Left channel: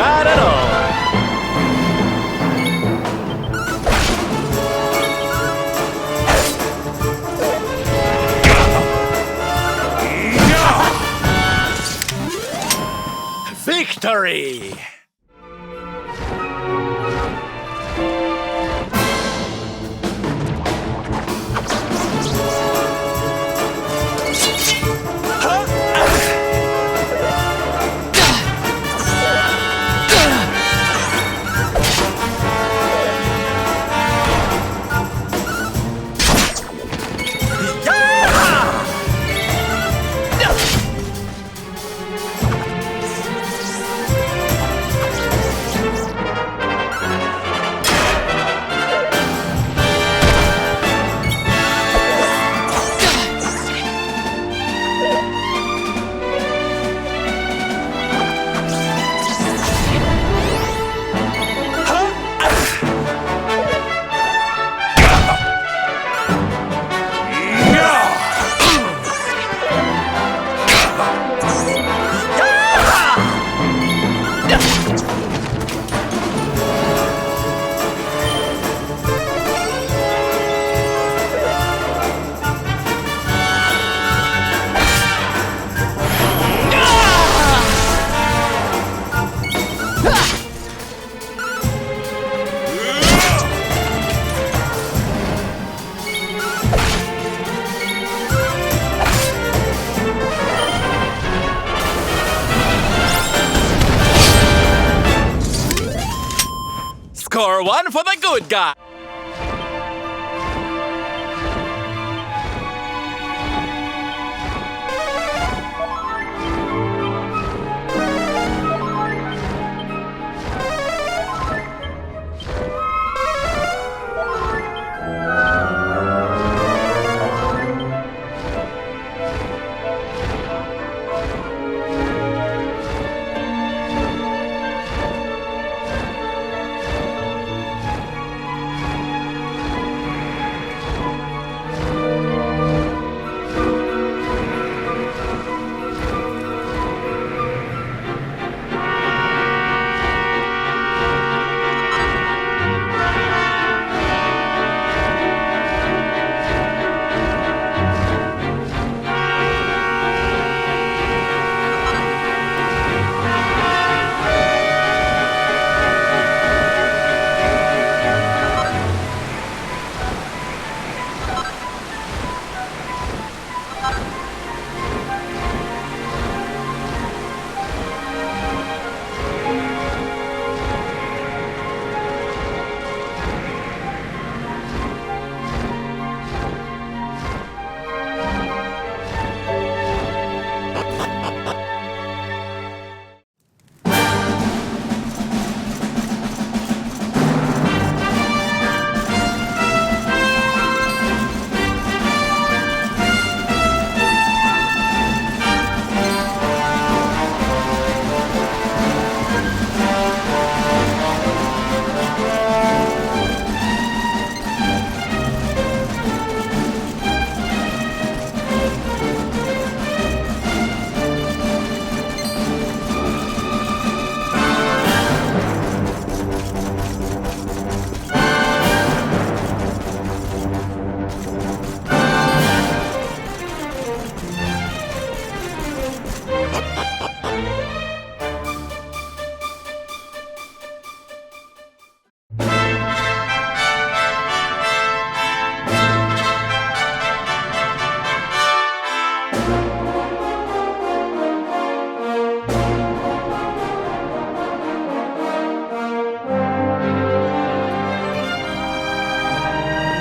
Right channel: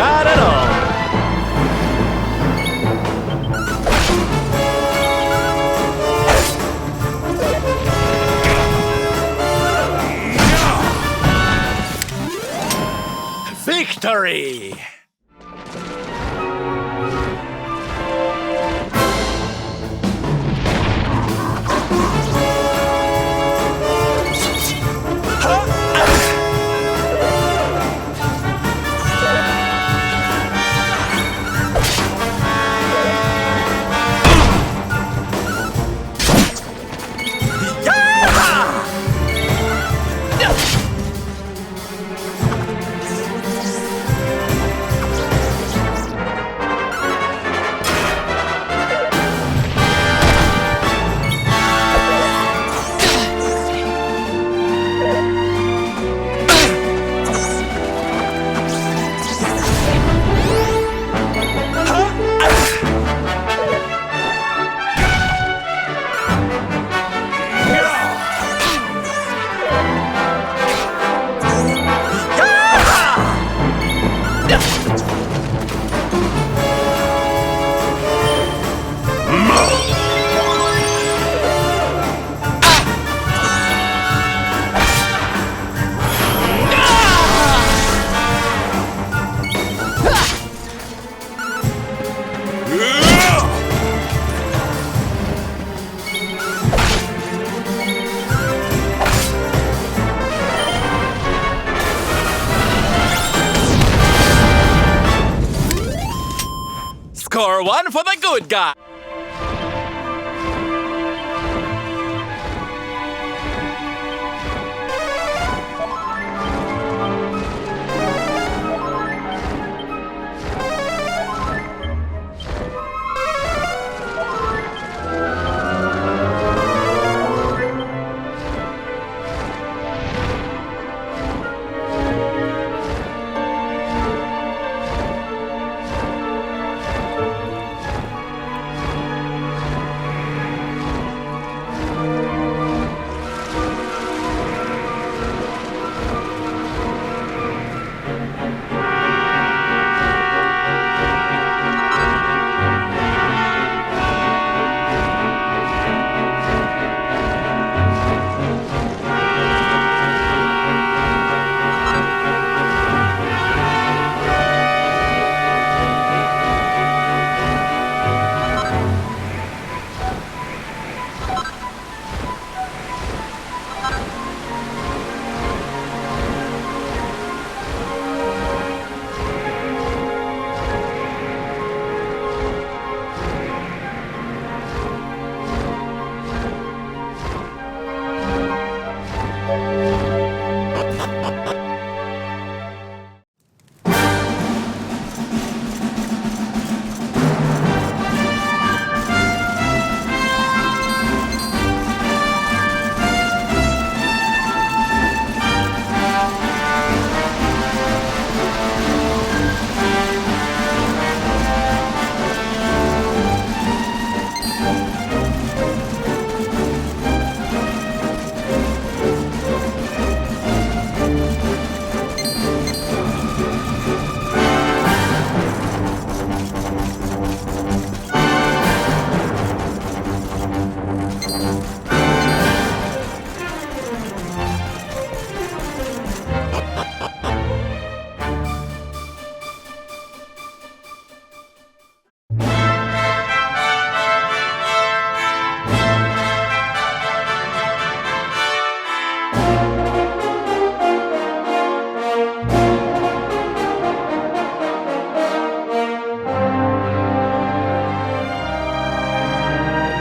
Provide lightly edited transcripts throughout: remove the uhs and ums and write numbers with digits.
Bad at all. Victory! Score one for the good guy.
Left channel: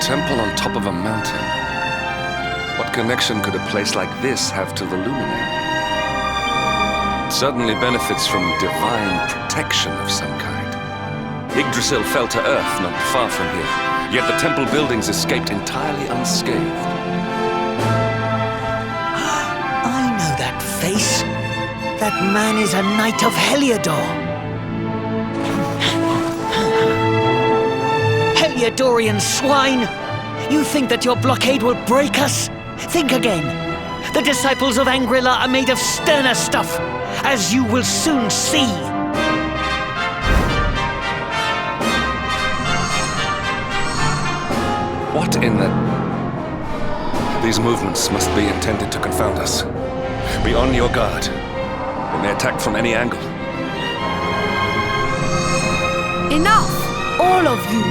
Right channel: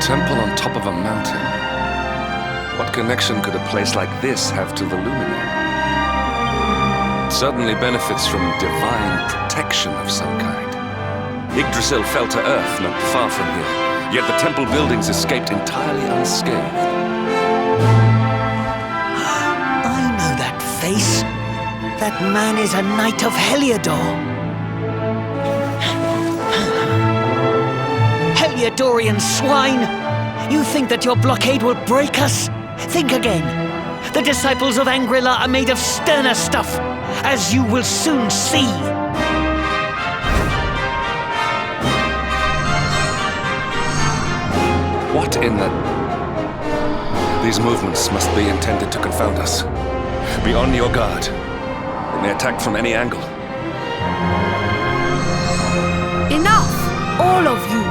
temple on top of a mountain. What connection could a place like this have to the luminary? It certainly benefits from divine protection of some kind. Yggdrasil fell to earth not far from here, yet the temple buildings escaped entirely unscathed. I know that face. That man is a knight of Heliodor. Heliodorian swine! You think that your blockade will break us? Think again. The disciples of Angrila are made of sterner stuff, as you will soon see. What in the... These movements must be intended to confound us. Be on your guard. They may attack from any angle. Enough, all of you.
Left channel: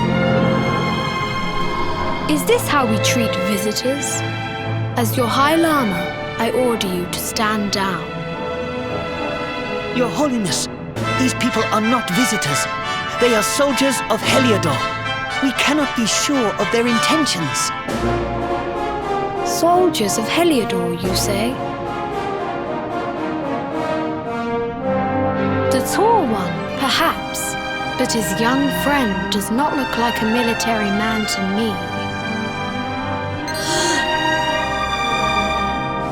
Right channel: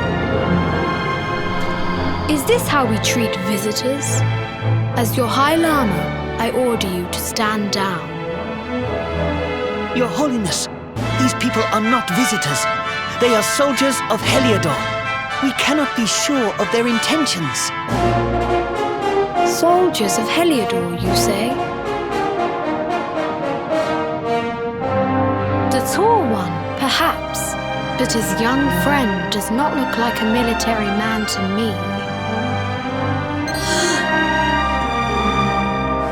Is this how we treat visitors? As your High Lama, I order you to stand down. Your Holiness, these people are not visitors. They are soldiers of Heliodor. We cannot be sure of their intentions. Soldiers of Heliodor, you say? The tall one, perhaps, but his young friend does not look like a military man to me.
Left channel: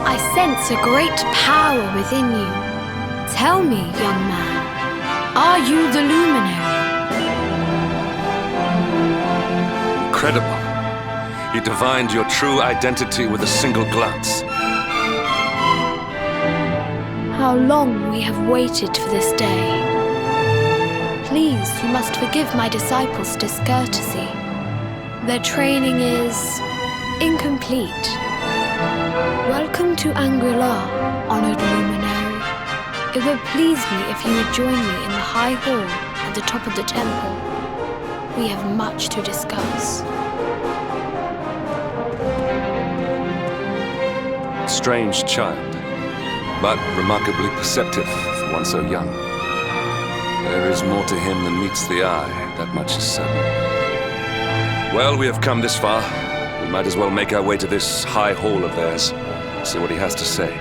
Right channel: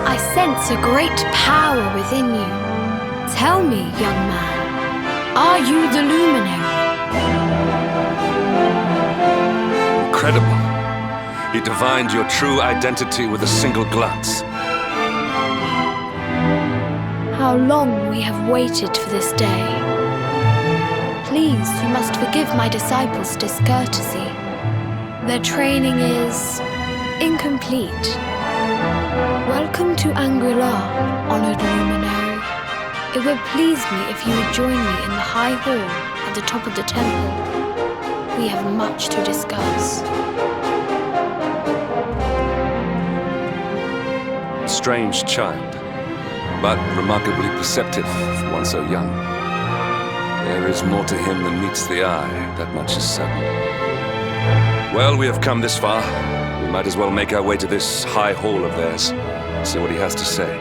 I sense a great power within you. Tell me, young man, are you the luminary? Incredible. He divined your true identity with a single glance. How long we have waited for this day. Please, you must forgive my disciples' discourtesy. Their training is incomplete. Welcome to Angrila, honored luminary. It would please me if you would join me in the high hall at the top of the temple. We have much to discuss. Strange child, but remarkably perceptive for one so young. There is more to him than meets the eye, that much is certain. Well, we have come this far. We might as well make our way to this high hall of theirs, see what he has to say.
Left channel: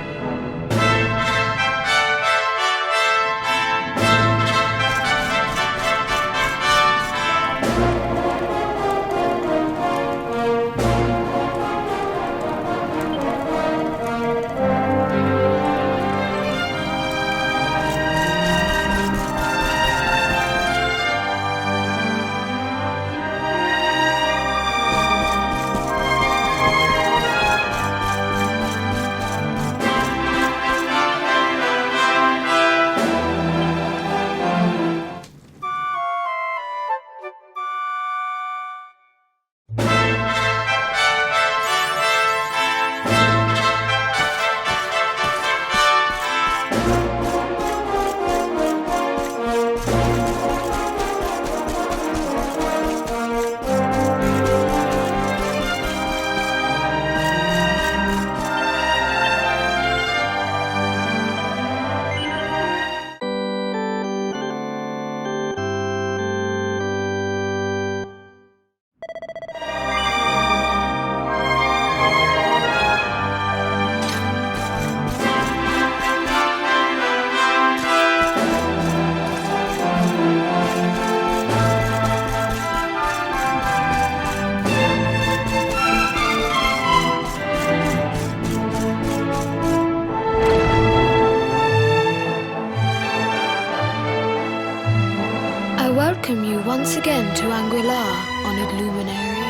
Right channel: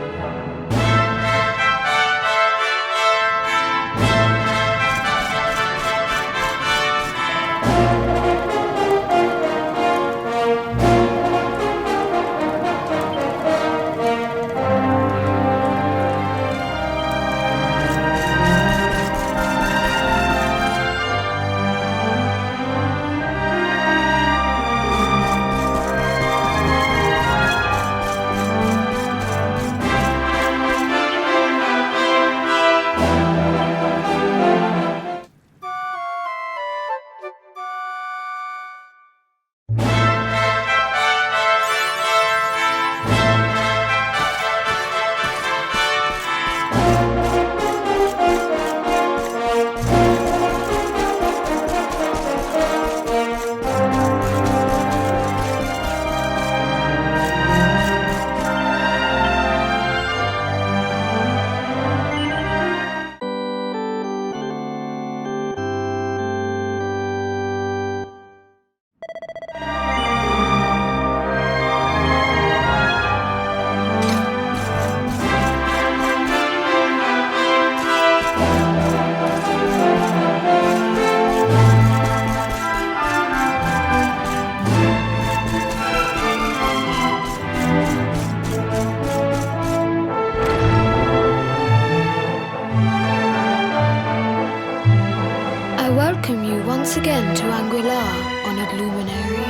I welcome you once again to Angrila, honored luminary.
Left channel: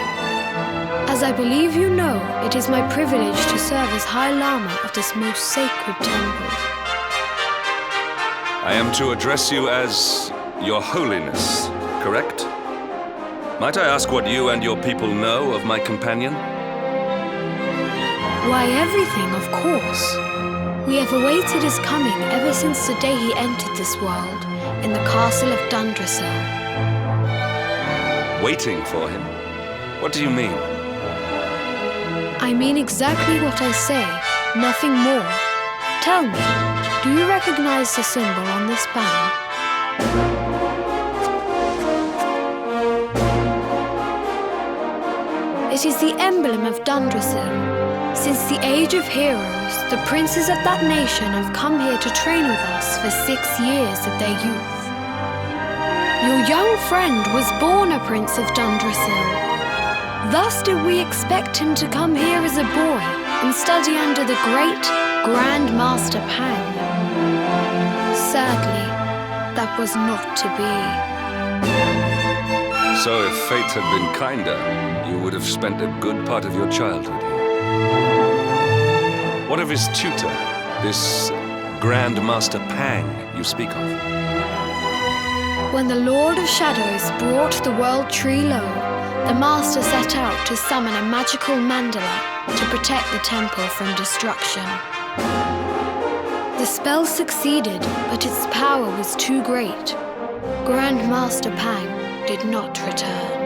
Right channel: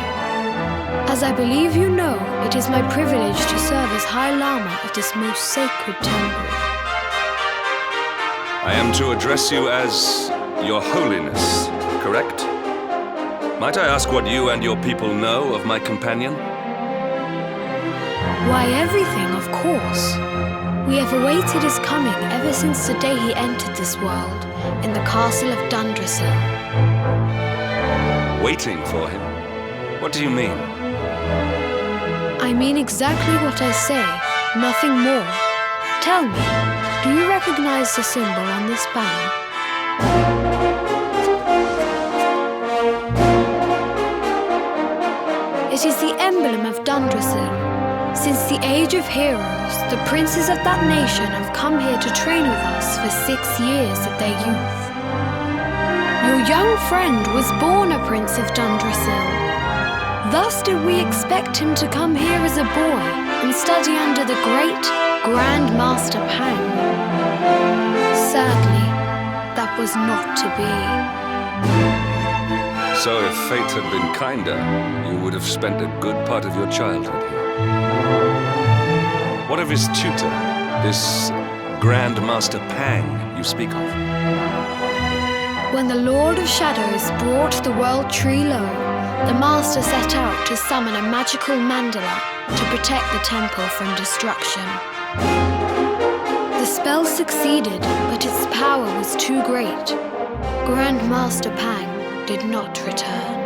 As I believe you know, it is my privilege to serve as High Lama of this most sacred temple. I am to address you as Your Holiness, correct? Might I ask what you and your people know of my companion? Why, everything, of course. We have awaited his coming ever since the day he entered this world, in the castle of Dundrasil. Waiting for him? What do you mean? I mean exactly what I say, nothing more. Tell me, do you recognize the symbol on this banner? It is the emblem of Dundrasil, Since the age of heroes, the princes of that nation have come here to train with us for 6 years of their youth. Your young friend was born a prince of Dundrasil. Thus did we expect him to come here as a boy and study under the great Grand Master Pang. Sadly, that was not to be. So if fate had been kinder, you would have spent a good part of your childhood here. What of his tutor, this Grand Master Pang you speak of? When the Lord of Shadows brought the World Tree low, the Master set out to summon a magical mandala to protect the temple from destruction. The spell succeeded, but its power was too great. Grand Master Pang did not return.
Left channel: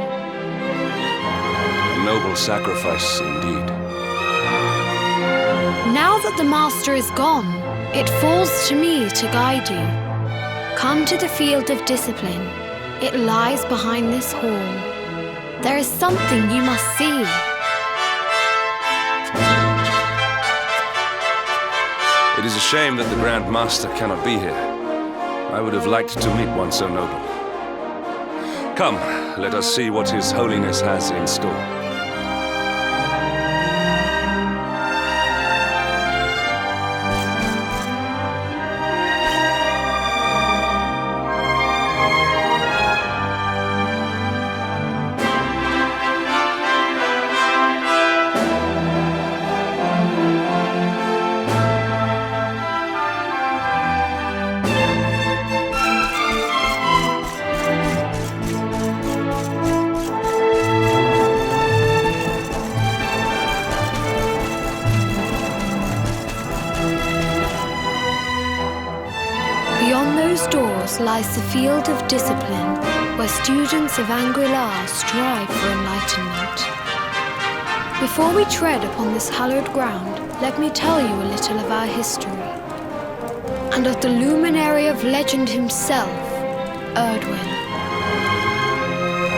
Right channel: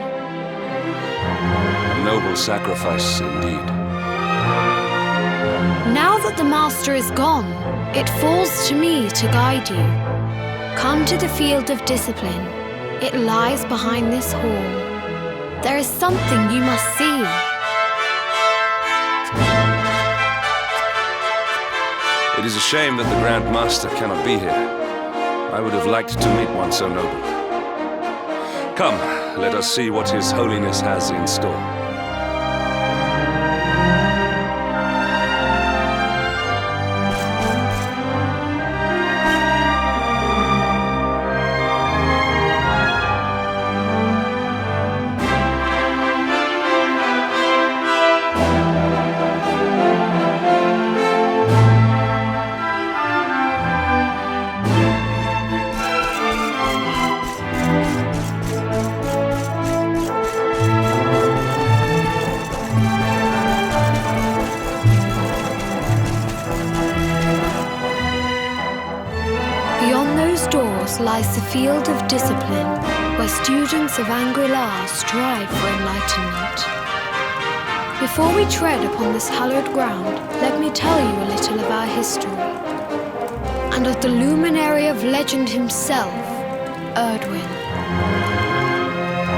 A noble sacrifice indeed. Now that the Master is gone, it falls to me to guide you. Come to the field of discipline. It lies behind this hall. There is something you must see. It is a shame that the Grand Master cannot be here. I would have liked to meet one so noble. Come, let us see what His Holiness has in store. Beyond those doors lies the field of discipline, where students of Angri-La strive for enlightenment. Before we tread upon this hallowed ground, let me tell you a little of our history, and of the luminary of legend himself, Erdwin.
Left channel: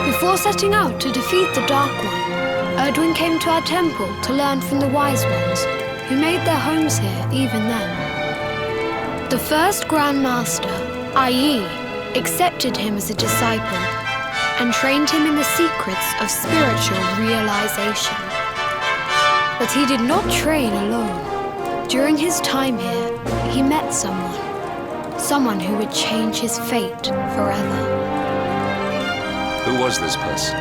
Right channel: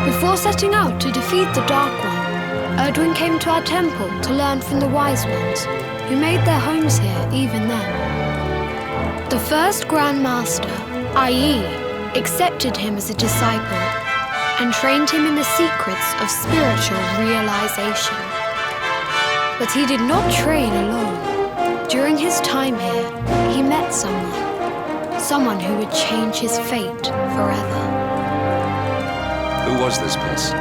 Before setting out to defeat the Dark One, Erdwin came to our temple to learn from the Wise Ones, who made their homes here even then. The first Grand Master, i.e., accepted him as a disciple and trained him in the secrets of spiritual realization. But he did not train alone. During his time here, he met someone who would change his fate forever. Who was this person?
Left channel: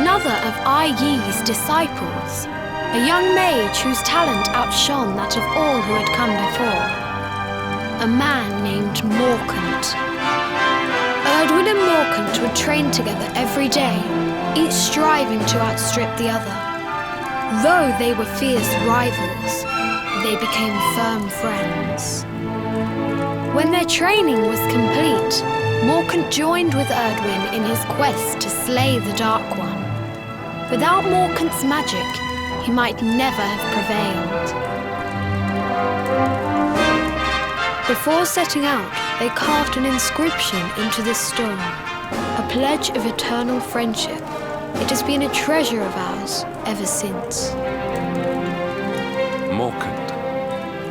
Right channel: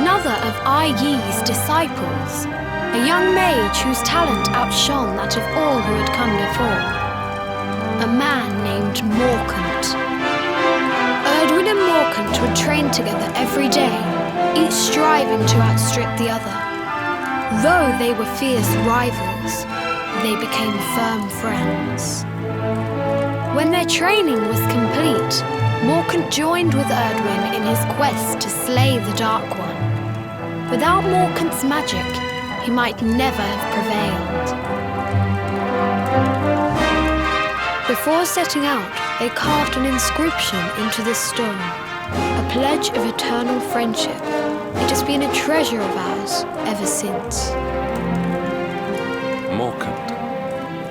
Another of Ai Yi's disciples, a young mage whose talent outshone that of all who had come before. A man named Morkant. Erdwin and Morkant would train together every day, each striving to outstrip the other. Though they were fierce rivals, they became firm friends. When their training was complete, Morkant joined with Erdwin in his quest to slay the Dark One. Without Morkant's magic, he might never have prevailed. Before setting out, they carved an inscription into the stone, a pledge of eternal friendship. It has been a treasure of ours ever since. Morkant.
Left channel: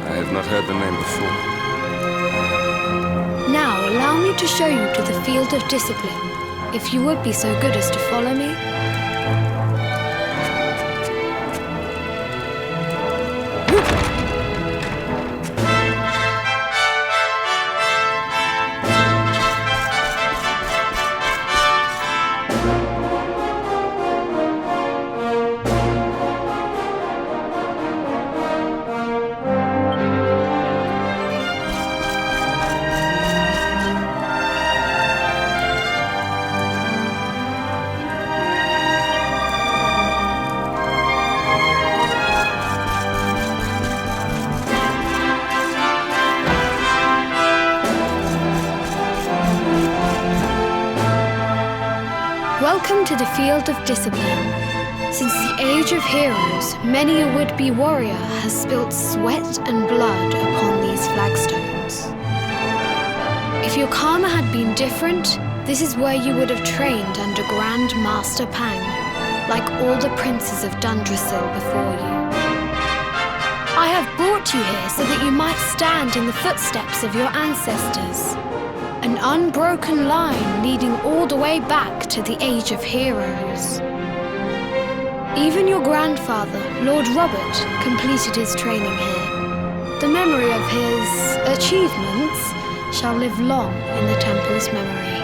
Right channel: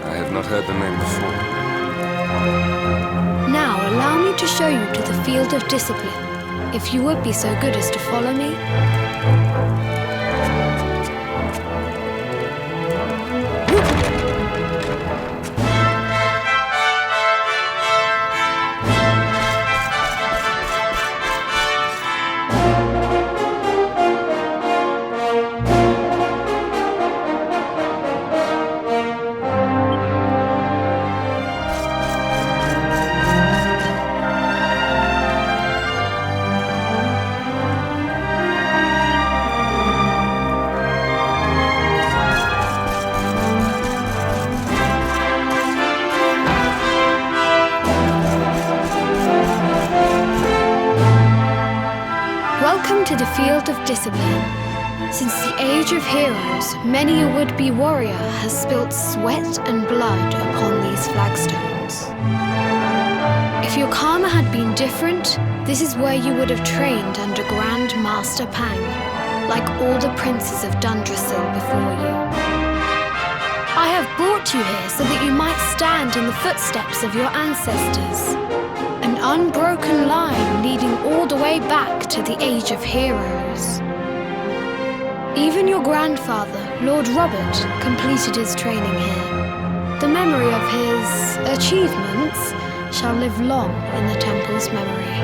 I have not heard the name before. Now allow me to show you to the field of discipline, if you would be so good as to follow me. Welcome to the field of discipline. Since the age of heroes, many a would-be warrior has spilt sweat and blood upon these flagstones. If your karma had been different, this is where you would have trained under Grand Master Pang. like all the princes of Dundrasil before you. I have brought you here so that you might stand in the footsteps of your ancestors. An unbroken line leading all the way back to the Age of Heroes. Even your grandfather, Lord Robert, completed his training here. The memory of his achievements shall live long in the temple's memory.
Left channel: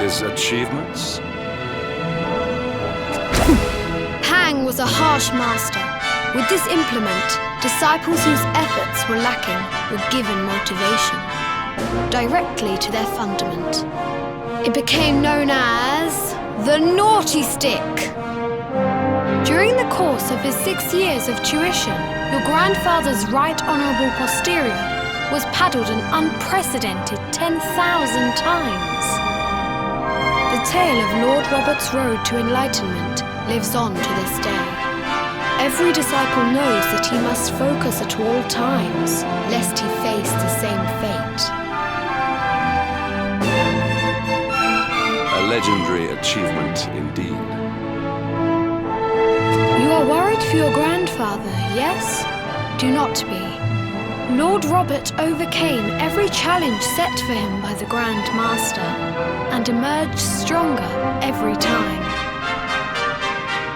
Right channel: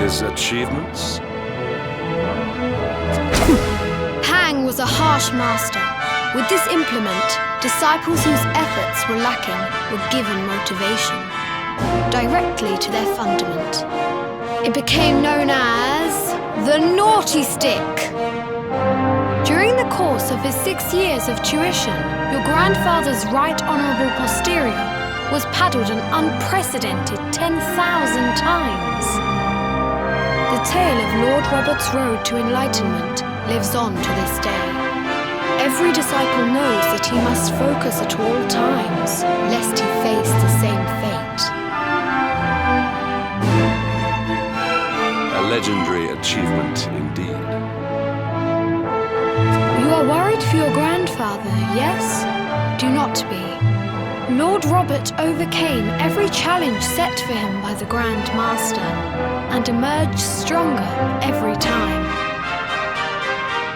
His achievements? Pang was a harsh master. With this implement, disciples whose efforts were lacking were given motivation, directly to their fundament. It became known as the Naughty Stick. During the course of his 6 years of tuition, your grandfather's right honourable posterior was paddled an unprecedented 10,000 times. The tale of Lord Robert's road to enlightenment lives on to this day. Every disciple knows that he must focus at all times, lest he face the same fate. A legendary achievement indeed. You are worried for your grandfather, yes? Do not be. Lord Robert overcame every challenge set for him by the Grand Master, and emerged stronger every time.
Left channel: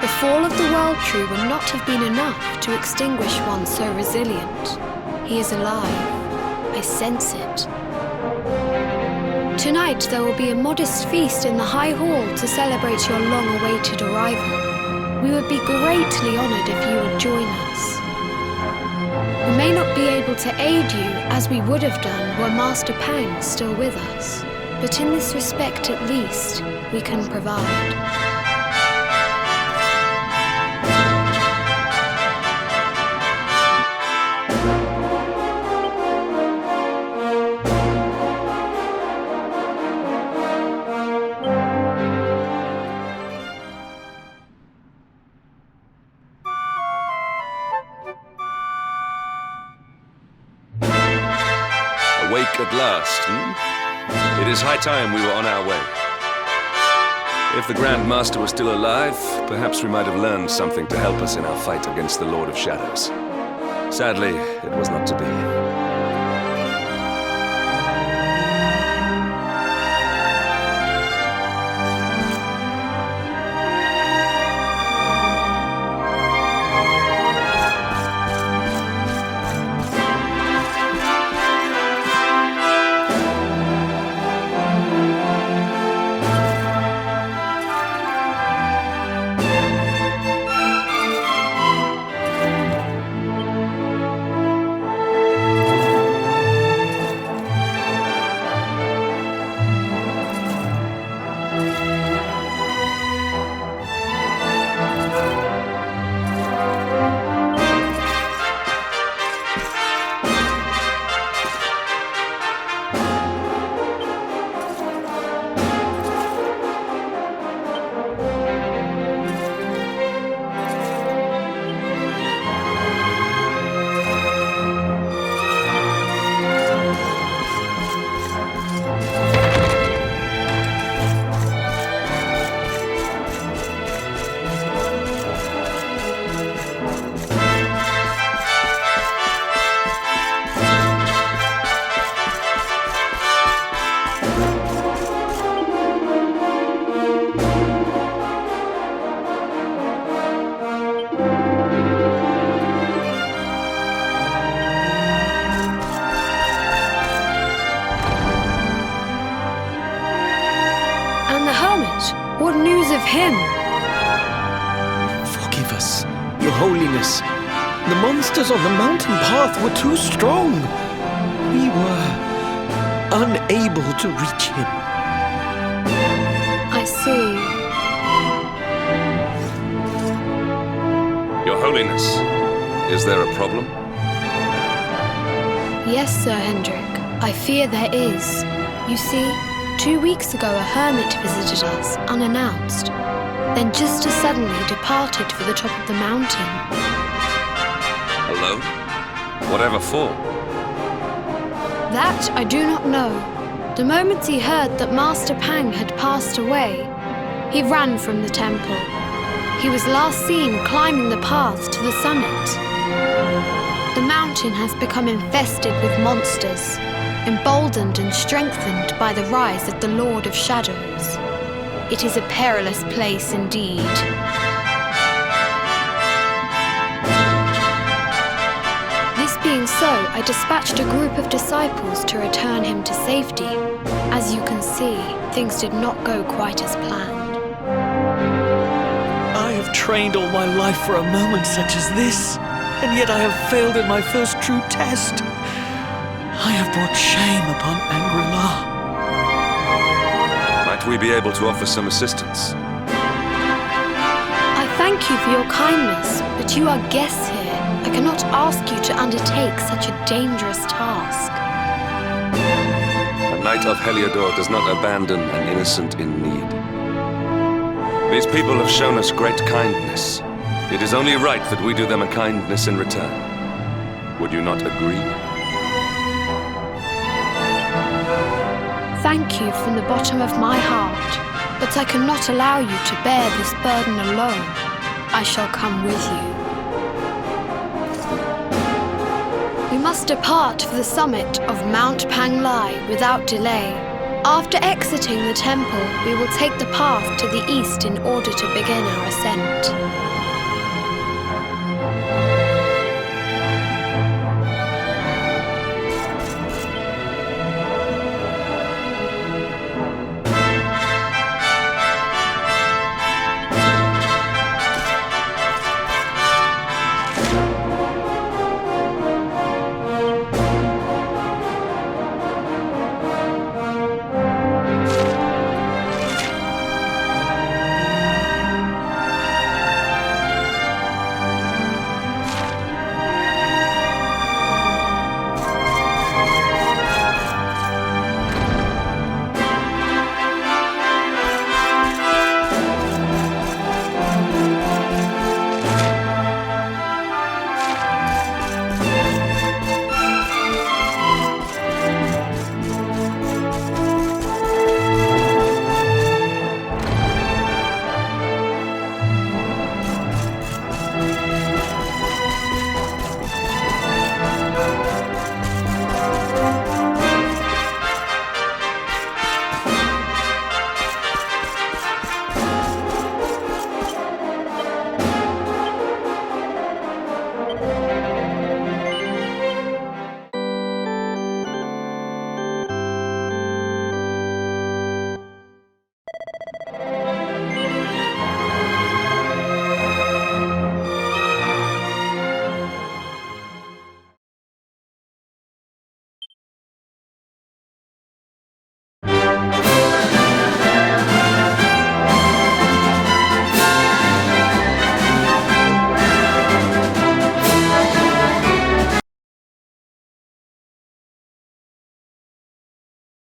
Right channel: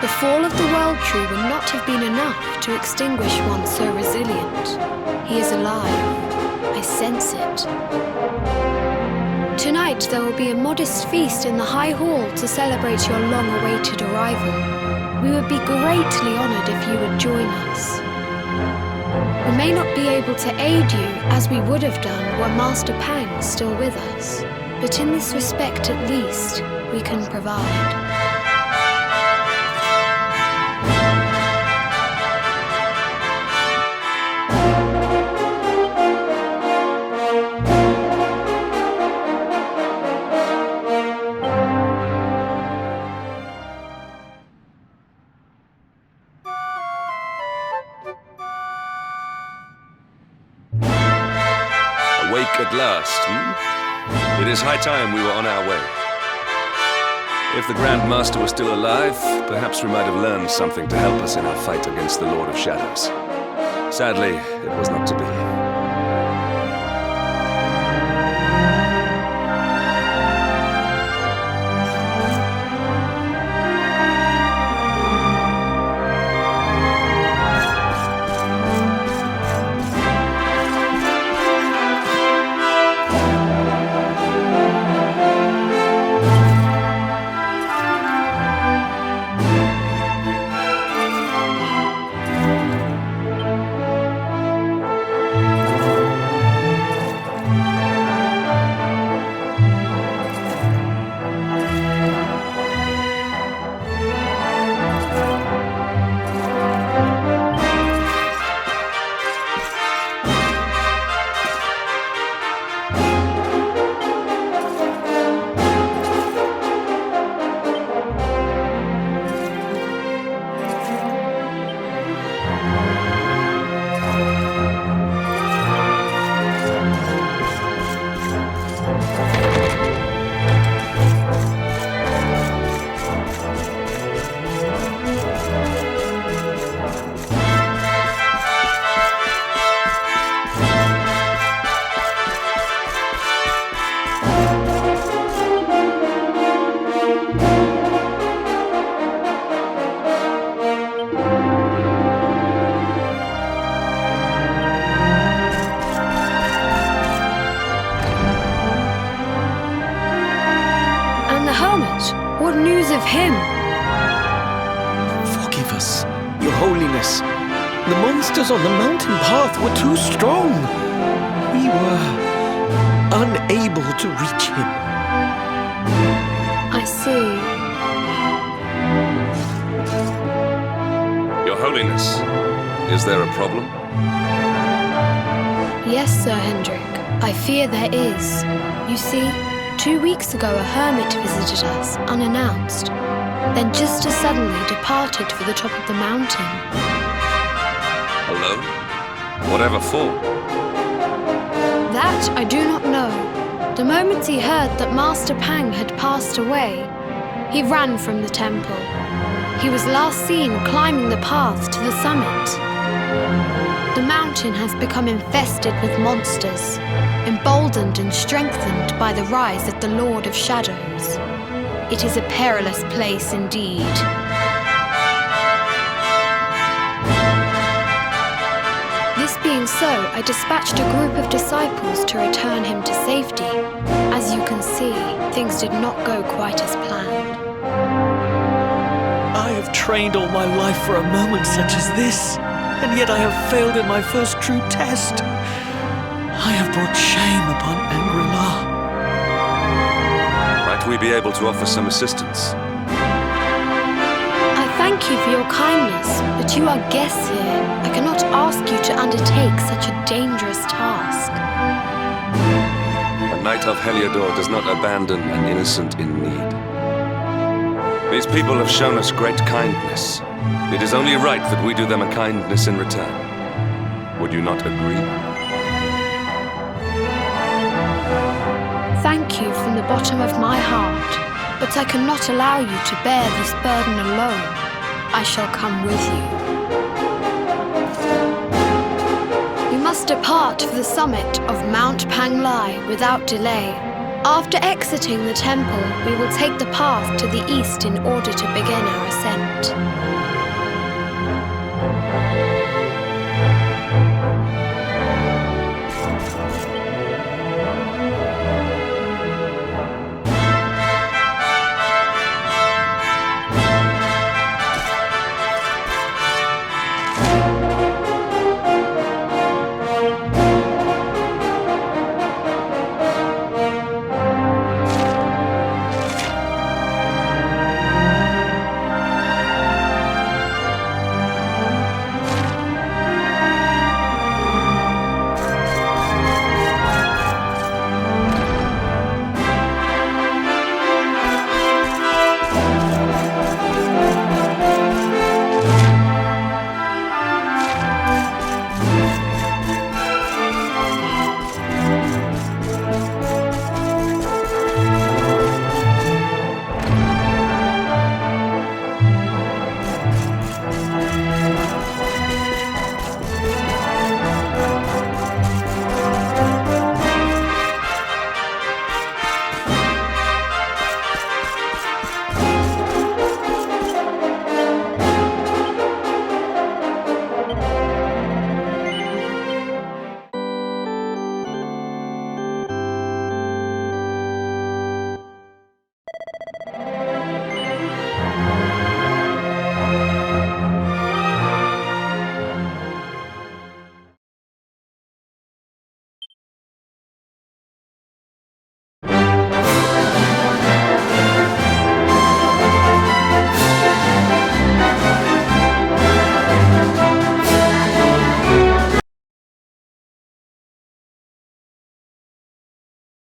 The fall of the World Tree would not have been enough to extinguish one so resilient. He is alive. I sense it. Tonight there will be a modest feast in the High Hall to celebrate your long-awaited arrival. We would be greatly honoured if you would join us. We may not be able to aid you as we would have done were Master Pang still with us, but in this respect at least, we can provide. Awake at last, hmm? It is high time we were on our way. If the Grand Master was still alive, perhaps we might have learned something to help us in our fight against the Lord of Shadows. Sadly, it was not to be. What news of him? Forgive us, Your Holiness. The monsters on the mountain path were too strong. We were unable to reach him. I see. Your Holiness, is there a problem? Yes, Sir Hendrik. I fear there is. You see, 2 weeks ago a hermit visited us, unannounced, then just as suddenly departed for the top of the mountain. Alone? Whatever for? That I do not know. The moment he heard that Master Pang had passed away, He ran from the temple. He was last seen climbing the path to the summit. The mountain has become infested with monsters, emboldened and strengthened by the rise of the Lord of Shadows. It is a perilous place indeed. This being so, I dispatched a group of disciples to return him to safety. As you can see, things did not go quite as planned. I have trained all my life for a moment such as this, and yet I have failed in my first true test. I have brought shame upon Angri-La. Might we be able to offer some assistance? I thank you for your kindness, but you are guests here. I cannot ask you to undertake such a dangerous task. A knight of Heliodor does not abandon an innocent in need. These people have shown us great kindness. It is only right that we do them a kindness in return. Would you not agree? Thank you from the bottom of my heart, but I cannot allow you to bear this burden alone. I shall come with you. We must depart for the summit of Mount Panglai without delay. After exiting the temple, we will take the path to the east in order to begin our ascent.